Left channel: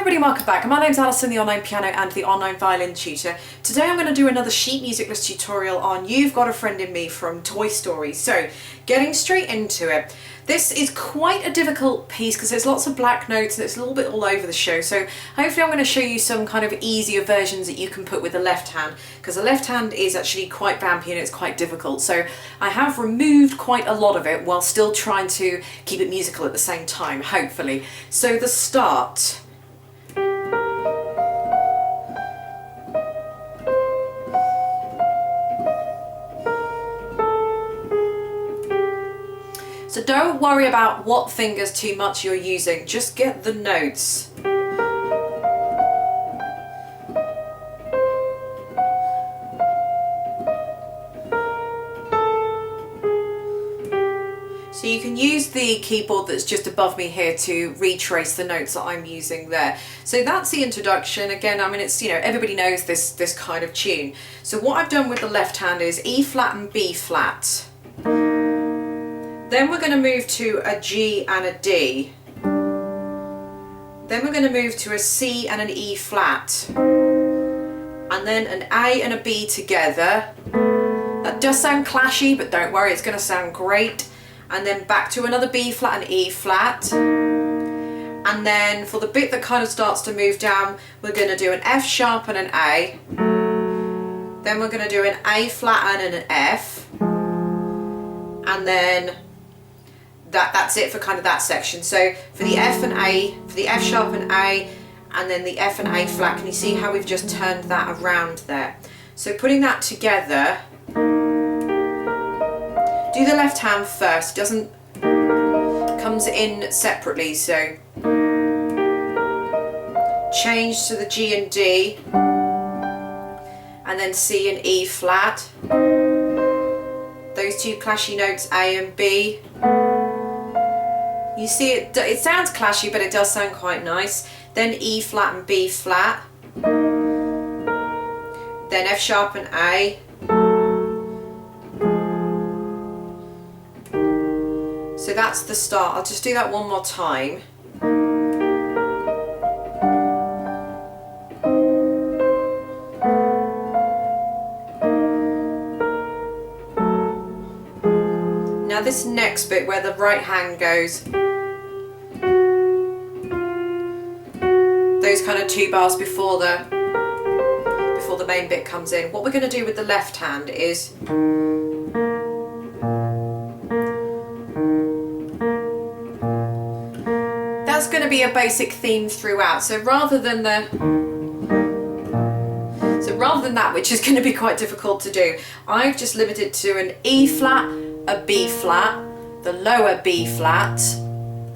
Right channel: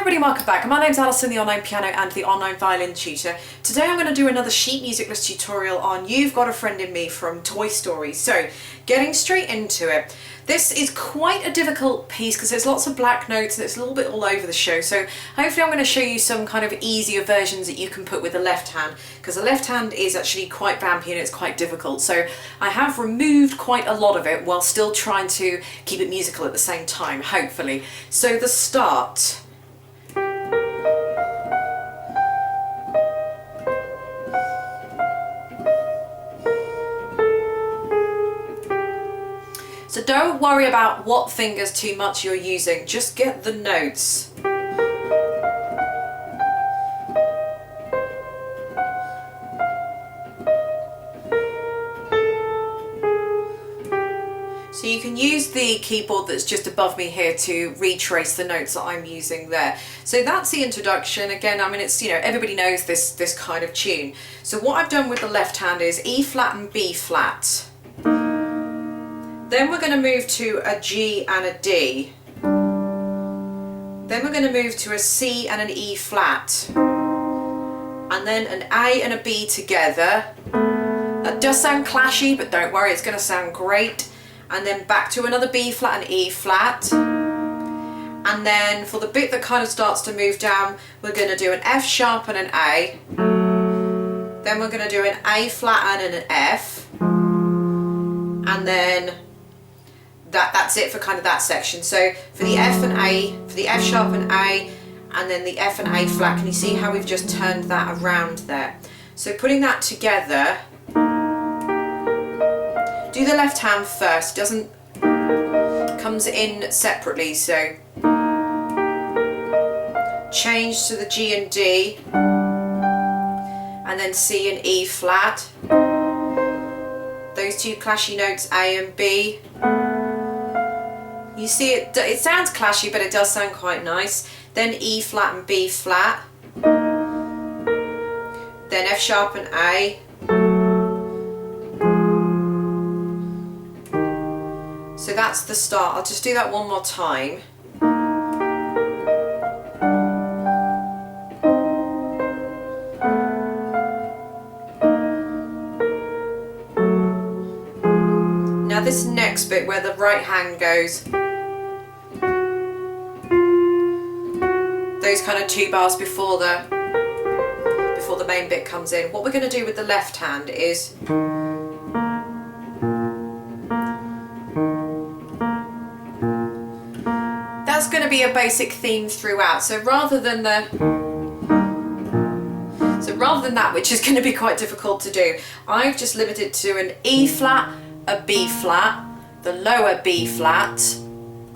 everybody, welcome back. My name's Alison, the online piano and the online violin tutor. Today I'm going to do another sheet music list tutorial on You've Got a Friend in Me from Toy Story. So, getting straight into it. This is quite a difficult piece because there's lots of black notes and it's a little bit all over the show. So hopefully I'm going to show you some kind of easier versions that you can put with the left hand, because the left hand is actually quite vampy and it's quite difficult. So I have removed quite a lot of it while still trying to keep it musical at the same time, hopefully. So the start. So don't worry about what fingers too much you're using, just get the notes. So you can use the keyboard that's just above me here to retrace the notes that I'm using there. So that's the introduction. Again, I mean, it's, you know, everybody knows this kind of tune. So what I've done with the left hand is E flat and B flat. Then we're going to move to a G and a D. Then we're going to move to a C and an E flat. And then an A and a B together. That does sound clashy, but don't worry, it's going to sound great. And then back to another B flat and E flat. And then for the bit that kind of starts to move down, we're going to do an F sharp and an A. Then we're going to do an A flat and an F. And then that's it for kind of that section. So for the F and A, for the F sharp and A, and then the F and A flat, can you see how we've just turned that around there? So putting that together, do the left hand first, it doesn't, comes in separately, so change to the G and D, and then C and E flat. Those two clashy notes, A and B. You see it sounds clashy, but it does sound quite nice. Then E flat and B flat. Then F sharp and A. So that's the start. I'll just do that one more time. Now this next bit where the right hand goes, those kind of two bars before the main bit comes in, what we're going to do with the left hand is that's going to be a basic theme throughout. So rather than that, which is going to be quite difficult to do, I've just limited to an E flat, a B flat, the lower B flat,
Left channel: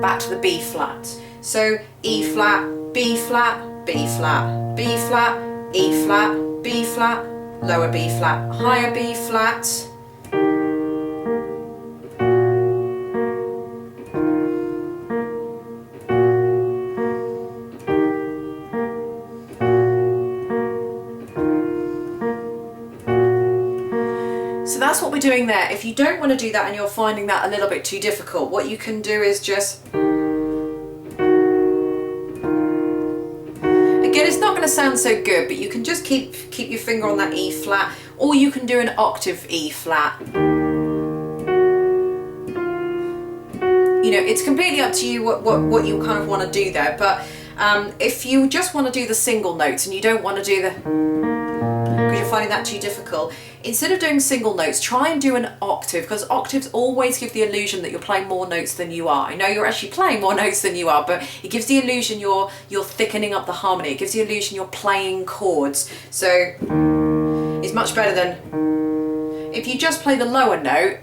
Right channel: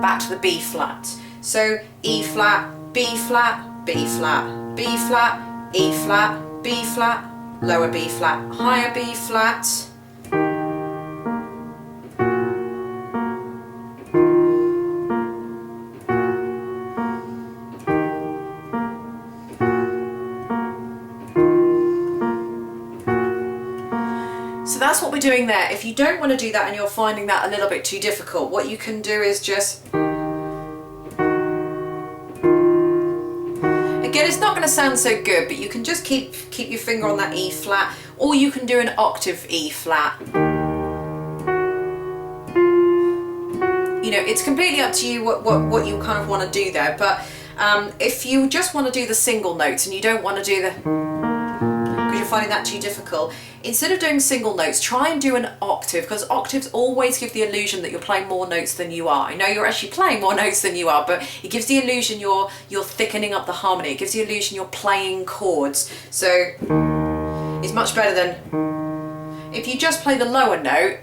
back to the B flat. So E flat, B flat, B flat, B flat, E flat, B flat, lower B flat, higher B flat. So that's what we're doing there. If you don't want to do that and you're finding that a little bit too difficult, what you can do is just, again, it's not going to sound so good, but you can just keep your finger on that E flat, or you can do an octave E flat. You know, it's completely up to you what you kind of want to do there, but if you just want to do the single notes and you don't want to do the, because you're finding that too difficult, instead of doing single notes, try and do an octave, because octaves always give the illusion that you're playing more notes than you are. I know you're actually playing more notes than you are, but it gives the illusion you're thickening up the harmony. It gives the illusion you're playing chords. So it's much better than if you just play the lower note.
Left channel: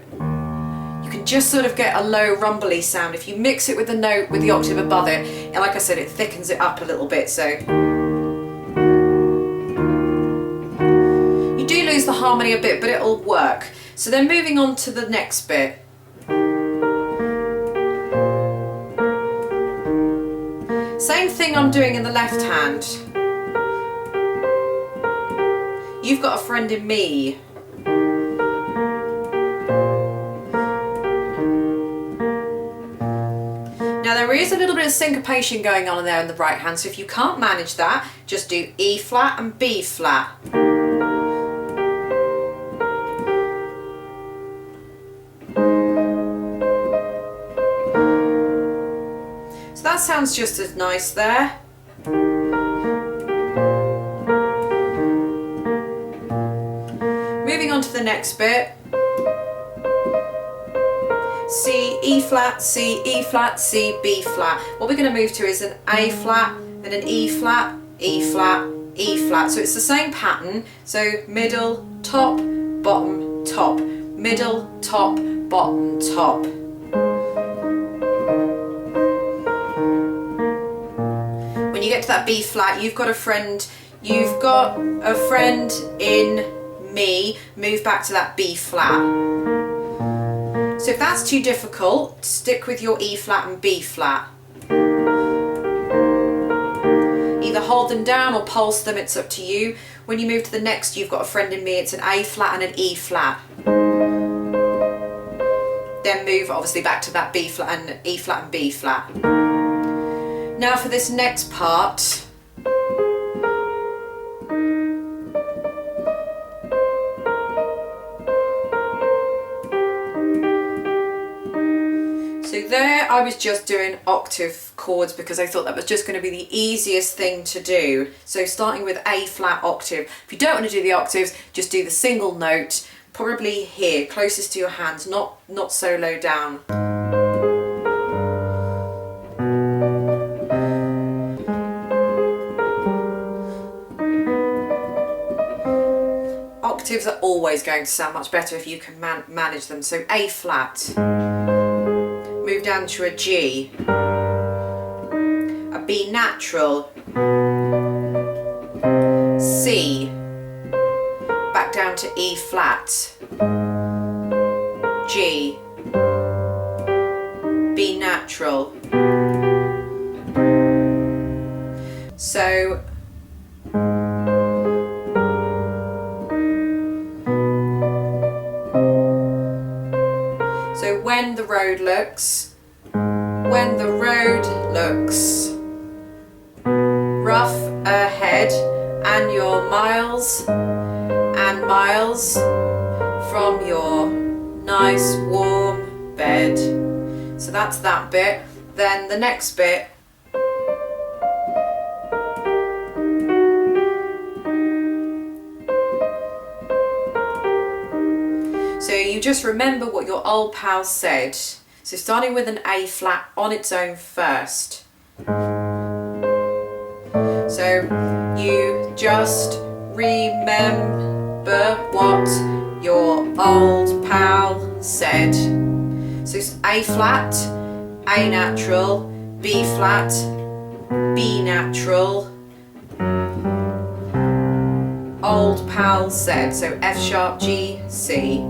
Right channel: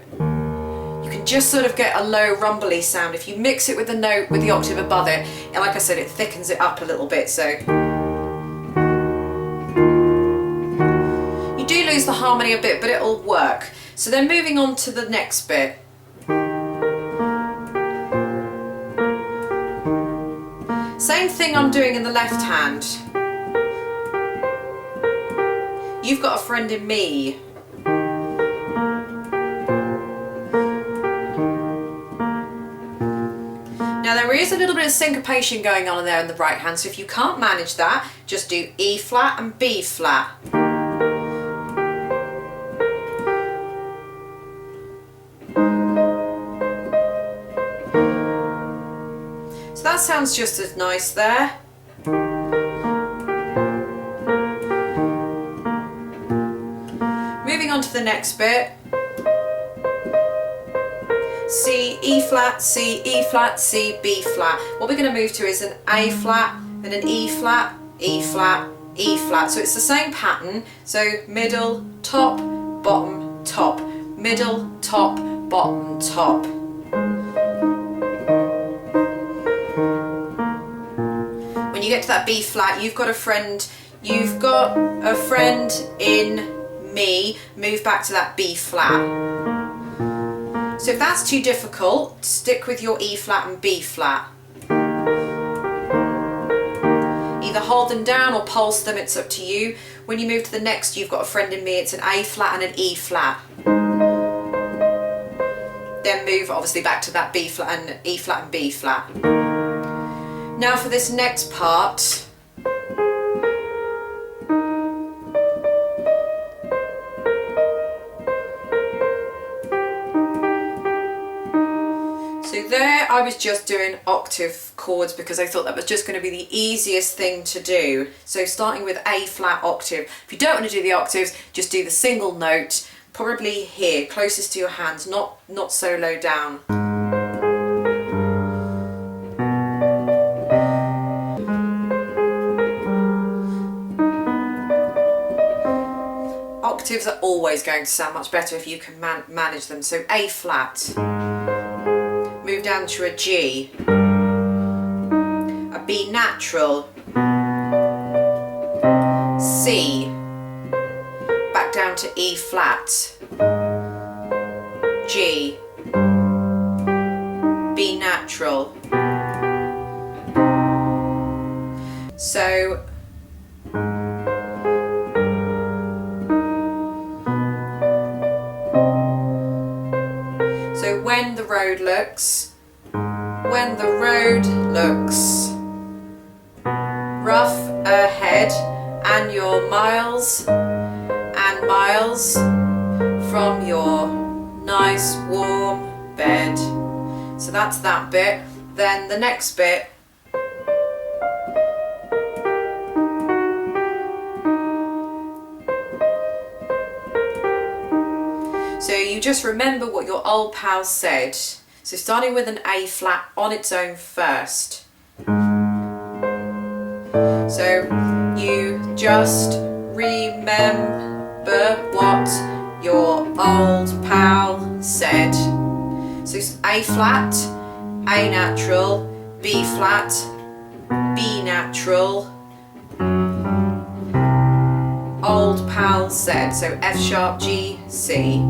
You can just sort of get a low rumbly sound. If you mix it with the note with the octave above it, and like I said, it thickens it up a little bit. So you do lose the harmony a bit, but it'll work. So then moving on to the next bit. Same thing I'm doing in the left hand. You've Got a Friend in Me. Now there there is a little bit of syncopation going on there in the right hand, so if you can't manage that, just do E flat and B flat. So that sounds just as nice there. Moving on to the next bit. C, E flat, C, E flat, C, B flat. What we're going to move to is an A flat, then an E flat, E flat, E flat. So it's the same pattern. So middle, top, bottom, top. Middle, top, bottom, top. When you get to that B flat, you've got a friend in me. Move back to that B flat. So if that's too difficult, stick with your E flat and B flat. Either hold them down or pulse them, it's up to you. When you move to the next, you've got a friend in me, it's an A flat and an E flat. Then move obviously back to that B flat and E flat and B flat. Now for this next part, so there I was just doing octave chords because I thought that was just going to be the easiest thing to do. So starting with A flat octave. If you don't want to do the octaves, just do the single note, probably here, closest to your hands, not so low down. Octaves are always going to sound much better if you can manage them. So A flat. Move down to a G, a B natural, C, back down to E flat, G, B natural. So when the road looks rough ahead and you're miles and miles from your nice warm bed. So that's that bit. Then the next bit, so you just remember what your old pal said. So starting with an A flat on its own first. So you just remember what your old pal said. So it's A flat, A natural, B flat, B natural, old pal said. So F sharp, G, C.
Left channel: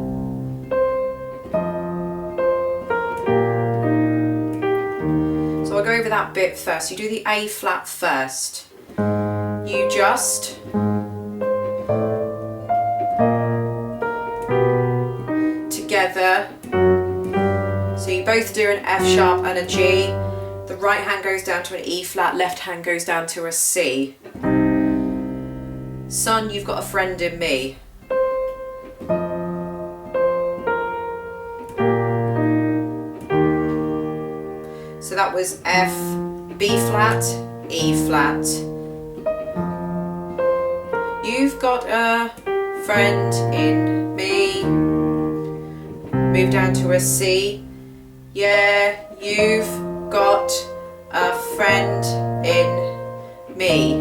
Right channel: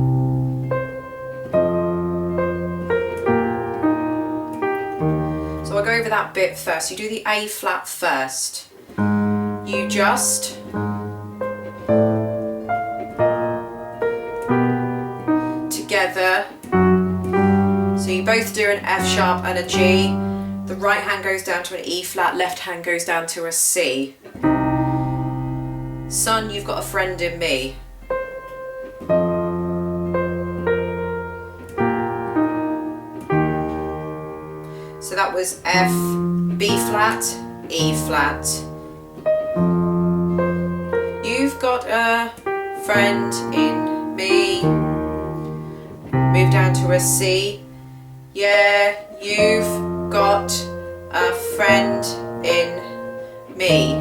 So I'll go over that bit first. You do the A flat first. You just together. So you both do an F sharp and a G. The right hand goes down to an E flat, left hand goes down to a C. Son, you've got a friend in me. So that was F, B flat, E flat. You've got a friend in me. Move down to a C. Yeah, you've got a friend in me.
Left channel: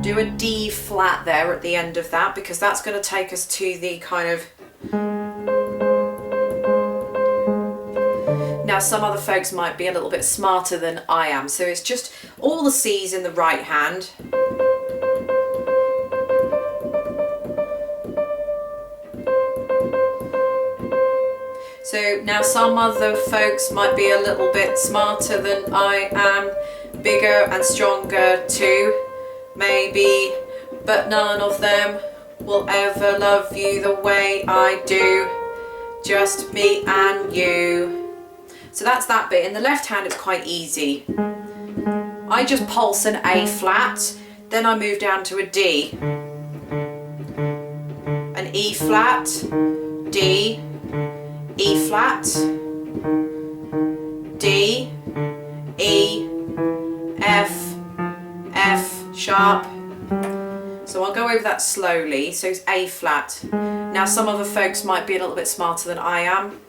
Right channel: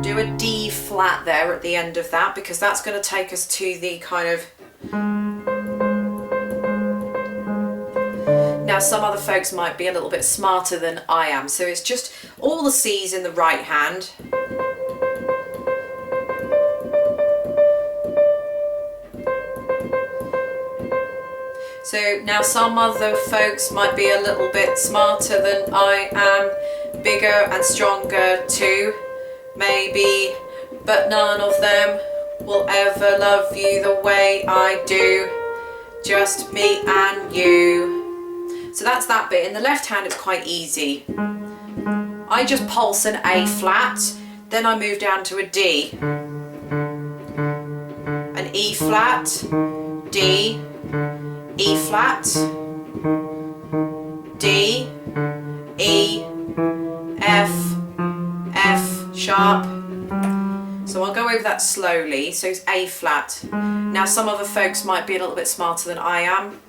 Do a D flat there at the end of that, because that's going to take us to the kind of... Now some other folks might be a little bit smarter than I am, so it's just all the C's in the right hand. So now some other folks might be a little bit smarter than I am, bigger and stronger too, maybe, but none of them will ever love you the way I do, just me and you. So that's that bit. In the left hand it's quite easy. I just pulse an A flat, then I move down to a D. An E flat, D, E flat, D, E, F, F sharp. So I'll go over that slowly. So it's A flat. Now some other folks might be a little bit smarter than I am.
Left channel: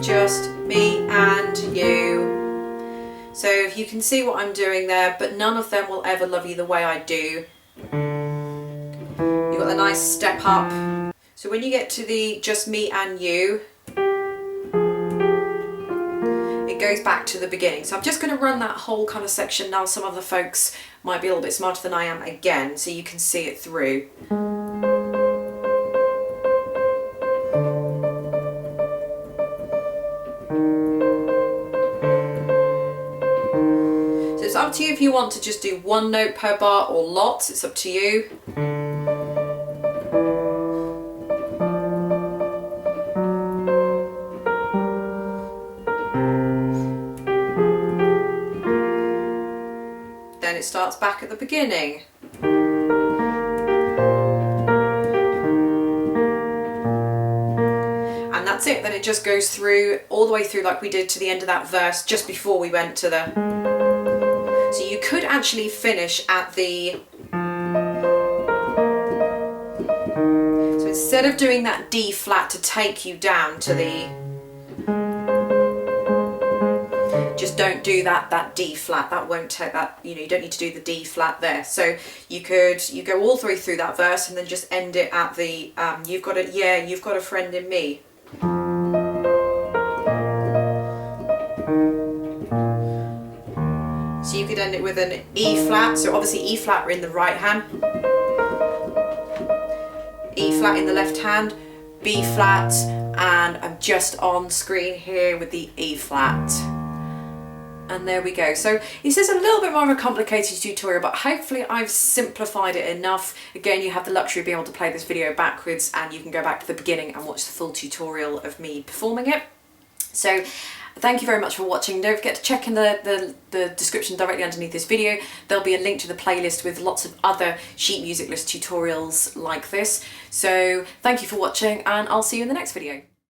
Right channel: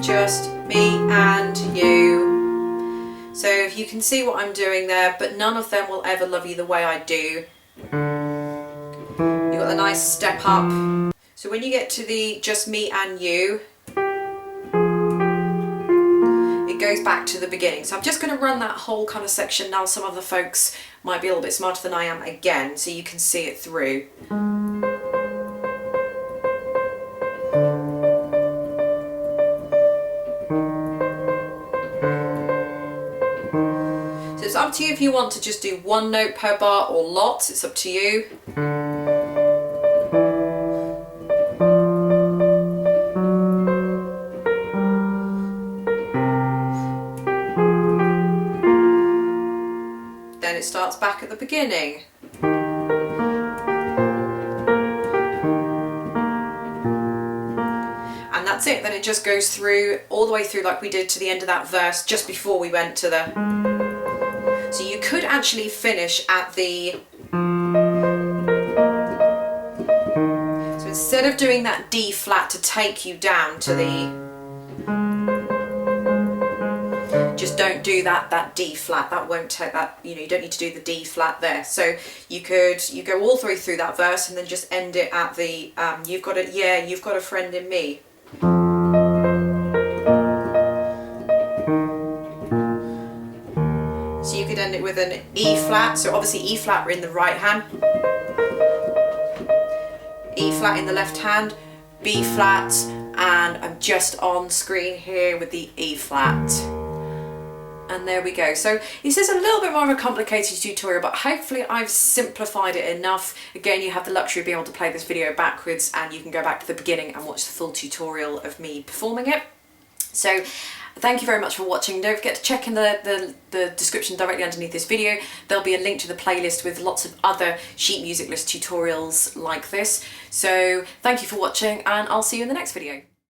Just me and you. So you can see what I'm doing there, but none of them will ever love you the way I do. You've got a nice step up. So when you get to the just me and you, it goes back to the beginning. So I'm just going to run that whole kind of section now. Some other folks might be a little bit smarter than I am again, so you can see it through. It's up to you if you want to just do one note per bar or lots, it's up to you. Then it starts back at the beginning. And that's it, then it just goes through, all the way through like we did to the end of that verse just before we went to the... So you could actually finish at the... So instead of doing that D flat to take you down to the... Just don't do that D flat, that won't take that, you know, you don't need to do the D flat there. So you go all the way through that verse and then just end it at the, you've got a friend in me. So you could end it with an E flat, so obviously E flat we're in the right hand, E flat in the left hand, B flat, and I'm just on screen here with the E flat. And there we go. So this is a little bit more of a complicated tutorial, but hopefully I've simplified it enough. Again, you have the luxury of being able to play this video backwards and you can go back to the beginning and watch the full tutorial of me performing it. So thank you very much for watching. Don't forget to check in the description directly underneath this video. There'll be a link to the playlist with lots of other sheet music list tutorials like this. So thank you for watching and I'll see you in the next video.